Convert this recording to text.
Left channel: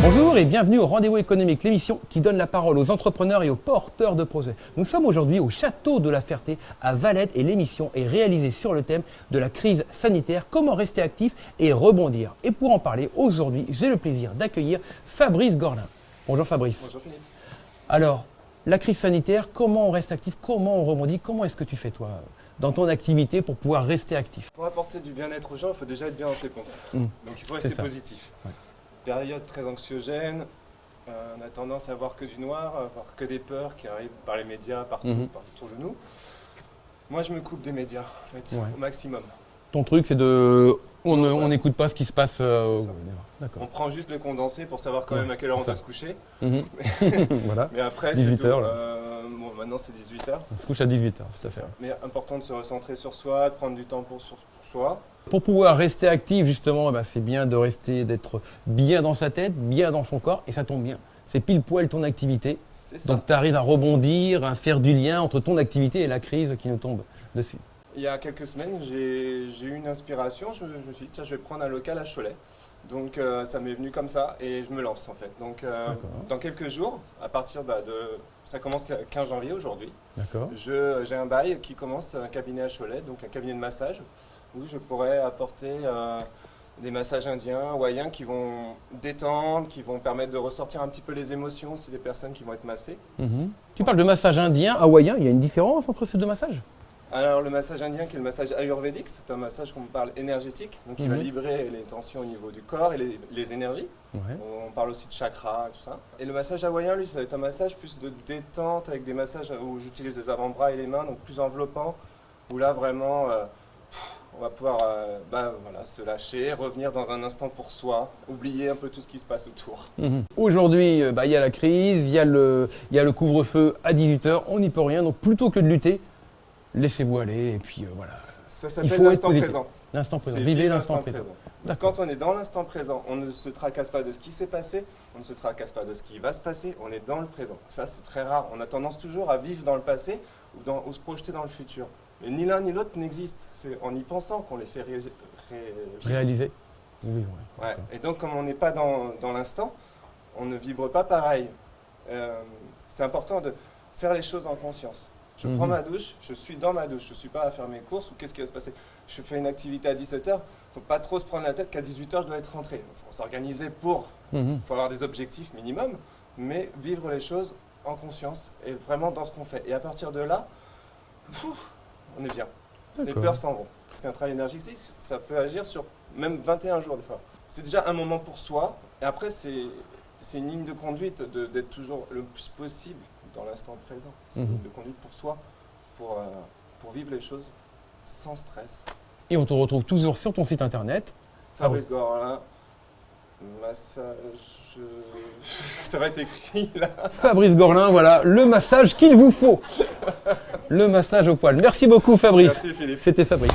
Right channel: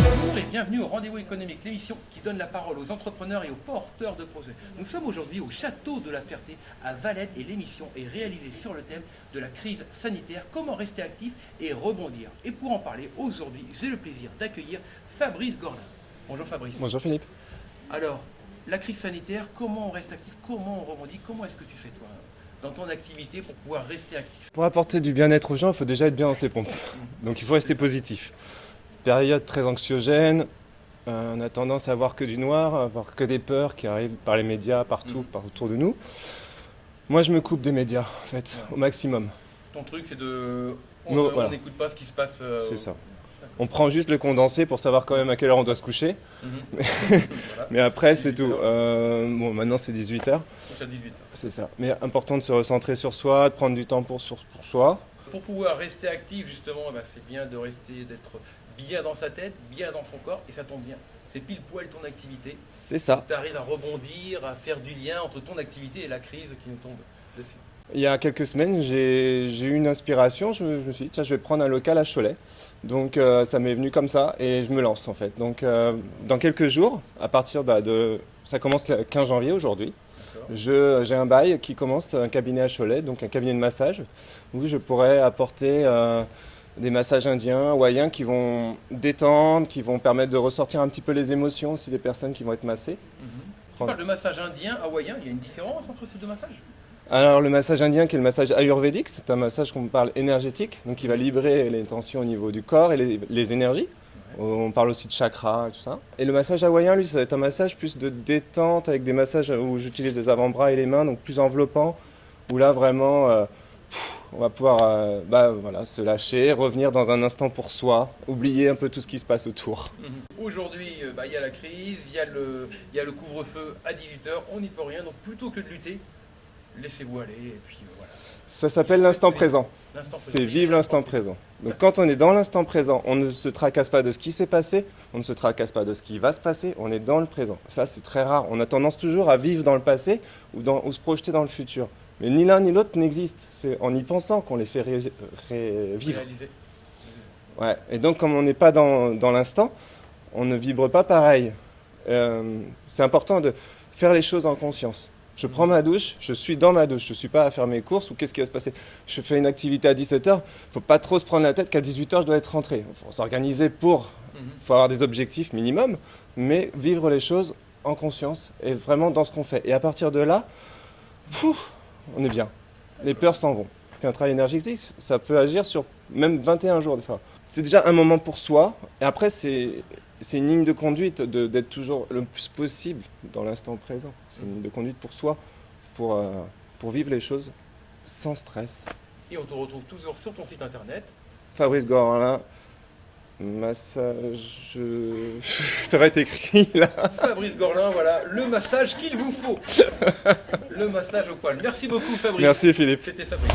Bonjour et bienvenue au Rendez-vous économique, l'émission qui donne la parole aux entrepreneurs et aux porteurs de projets. Nous sommes aujourd'hui au Château de la Ferté à Valette et l'émission est réalisée sur le thème de la crise sanitaire, comment rester actif et rebondir. Et pour en parler, aujourd'hui, j'ai le plaisir d'accueillir Fabrice Gorlin. Bonjour Fabrice. Bonjour Philippe. Alors, la crise sanitaire, comment on reste actif, comment on rebondit, comment est-ce que tu fais toi dans ton activité pour pouvoir rester actif? Pour apporter du bien-être aux gens, il faut déjà être bien dans ses pompes. Donc il faut rester positif. Période très anxiogène, on a tendance à voir que du noir, à voir que des peurs qui arrivent par les médias, partout, par autour de nous. Moi je me coupe des médias en fait, au maximum. Ton truc c'est de... On n'écoute pas ce qui se passe. C'est ça. On prend juste le condensé pour savoir quand même à quelle heure on doit se coucher. Voilà. Mais après c'est tout. Bon, maintenant c'est 18h. On se couche à 18h. C'est ça. Mais important de se recentrer sur soi, de prendre du temps pour soi. Pour pouvoir rester actif, justement, c'est bien d'être bien dans sa tête, bien dans son corps, et ça tombe bien. C'est pile poil ton activité. C'est ça. Donc tu arrives à rebondir, à faire du lien entre ton activité et la crise qui nous tombe dessus. Il y a quelques semaines, j'ai eu une inspiration. Je me suis dit, tiens, je vais prendre un local à Cholet. Donc ça m'est venu comme ça et je me lance en fait. Donc dans quelques jours, à partir de... Ça commence le 15 janvier aujourd'hui. J'ai un bail qui commence, un cabinet à Cholet, donc un cabinet de massage, où je pourrais apporter des massages indiens, hawaïens qui vont détendre, qui vont permettre de ressortir un petit peu les émotions aussi des personnes qui vont être massées. Tu parles de massage indien, hawaïen, il y a une différence entre ces deux massages? Alors le massage indien qui est le massage ayurvédique, c'est un massage qu'on parle énergétique, donc il va libérer les tensions au niveau du corps et les énergies. On parle aussi de chakras et tout ça. Et le massage hawaïen, lui, ça va être un massage plus de détente avec des massages où j'utilise les avant-bras et les mains, donc plus enveloppant, où là vraiment on va pouvoir se lâcher, revenir dans un instant pour soi, oublier un peu tout ce qui se passe autour. Aujourd'hui, il y a la crise, il y a le couvre-feu à 18h, on n'y peut rien, donc plutôt que de lutter, laissez-vous aller et puis voilà. Ça s'appelle l'instant présent. L'instant présent. C'est vivre l'instant présent. Donc quand on est dans l'instant présent, on ne se tracasse pas de ce qui s'est passé, on ne se tracasse pas de ce qui va se passer, on est dans le présent. Ça, c'est très rare. On a tendance toujours à vivre dans le passé ou se projeter dans le futur. Mais ni l'un ni l'autre n'existe. C'est en y pensant qu'on les fait vivre. Réaliser. Ouais. Et donc, comme on n'est pas dans l'instant, on ne vibre pas pareil. C'est important de faire les choses en conscience. Je prends ma douche, je suis dans ma douche, je ne suis pas à faire mes courses ou qu'est-ce qui va se passer. Je fais une activité à 17h, il ne faut pas trop se prendre la tête qu'à 18h je dois être rentré. Il faut s'organiser pour, il faut avoir des objectifs minimum, mais vivre les choses en conscience et vraiment dans ce qu'on fait. Et à partir de là, on est bien. Les peurs s'en vont. C'est un travail énergétique, ça peut agir sur même 21 jours des fois. C'est déjà un moment pour soi et après c'est une ligne de conduite d'être toujours le plus possible dans l'instant présent. C'est une ligne de conduite pour soi, pour vivre les choses sans stress. Et on te retrouve toujours sur ton site internet. Fabrice Gorlin, massage... Ça va être écrit là. Fabrice Gorlin, voilà, le massage qu'il vous faut. Le massage au poil. Merci beaucoup Fabrice. Merci Philippe. C'était Fabrice.